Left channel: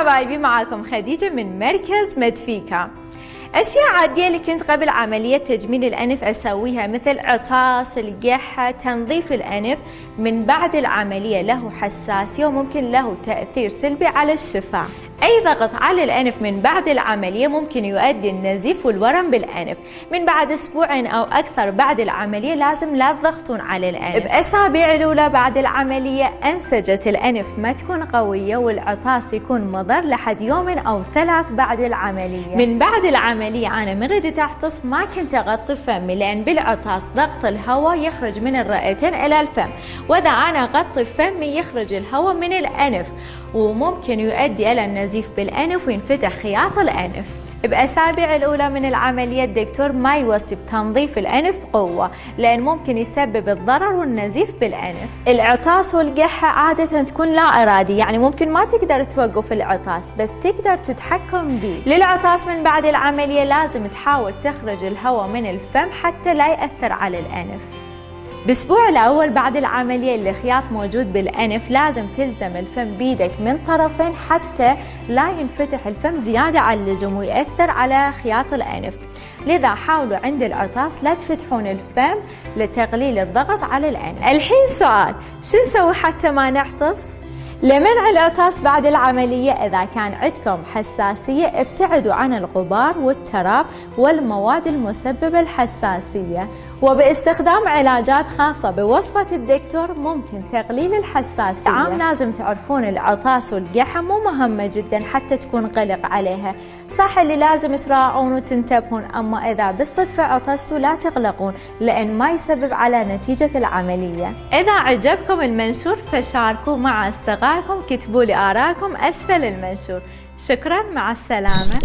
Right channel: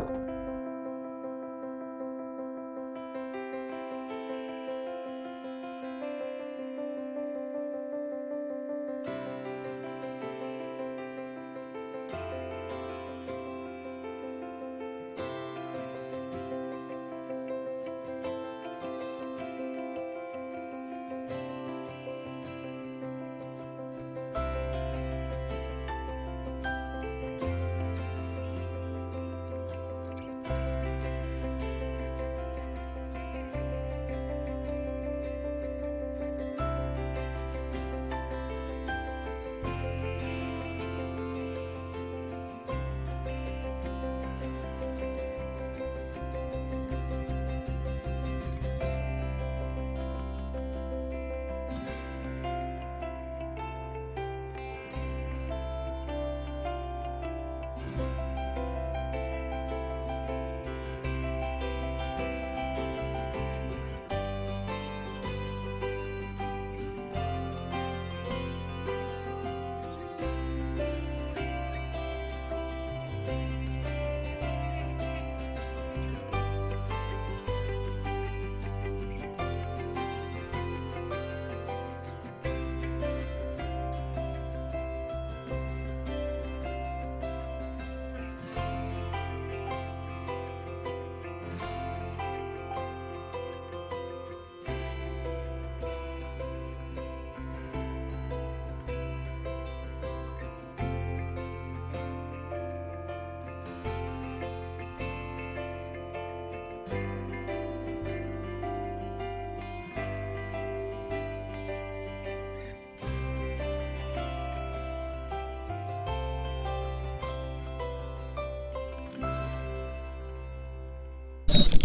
حبايبي، معاكم خديجة من مركز مدفيكا. أشياء عادية اللي كنت قبل عملية تجميل الأنف أسويها مثل عطاس، القحة، تنظيف الأنف، من بعد العملية له حساسية وممكن له تأثير سلبي على الشفاه. أي ضغط على الأنف من بعد العملية ممكن يؤدي النزيف والورم بالأنف. من بعد أسبوعين أو أكثر بعد العملية لازم لا تضغطون على الأنف. بأسابيع الأولى بعد العملية أنسجة الأنف ما تكون قوية والعطاس يكون مضر لحد يومين أو 3 بعد العملية. من بعد العملية أنا من ردت أعطس ما كنت أغطي فمي، لأن بالعطاس ضغط الهواء يخرج من الرئتين إلى الفم، وإذا أنا أغطي فمي يخرج الهواء من الأنف وممكن يؤدي إلى النزيف بالأنف وينفتح خياط الأنف. بأسابيع الأولى من العملية الدكتور ما يوصي بتنظيف الأنف بقوة، لأن ممكن يسبب الضرر والنزيف بالأنف. العطاس والقحة عادة تكون لا إرادي، يعني ممكن ما تقدر توقف العطاس بس تقدر تتحكم به. للعطاس من بعد العملية لازم تحاول تخرج الهواء من الفم حتى لا يأثر على الأنف. بالأسبوع الأول بعد العملية اللي خياط موجود بالأنف لازم تلزم الفم بيدك من طرفين حتى لا ينفتح الفم زيادة عن اللزوم ويأثر على خياط الأنف. لذا حاولوا عند العطاس لا تفتحون الفم لتقليل الضغط على الأنف. الحين سؤال، شو نسوي حتى ما نعطس؟ لمنع العطاس بعد العملية إذا كان عندكم حساسية ابتعدوا عن الغبار والتراب والمواد المسببة الحساسية، وباستخدام علاجات خاصة بوصفة الدكتور ممكن تقليل الحساسية. عام لازم تعرفون العطاس والقحة مو مهمة جدا حتى تكون قلق عليها، صح اللي لازم تراعون وتنتبهون، أما إذا بالصدفة عطستوا لا تقلقون لأن ما يسبب على نتيجة العملية. إذا عجبكم المنشور فشاركوا مع أصدقائكم، كتبوا لي آراءكم أسفل المنشور. شكرا، مع السلامة.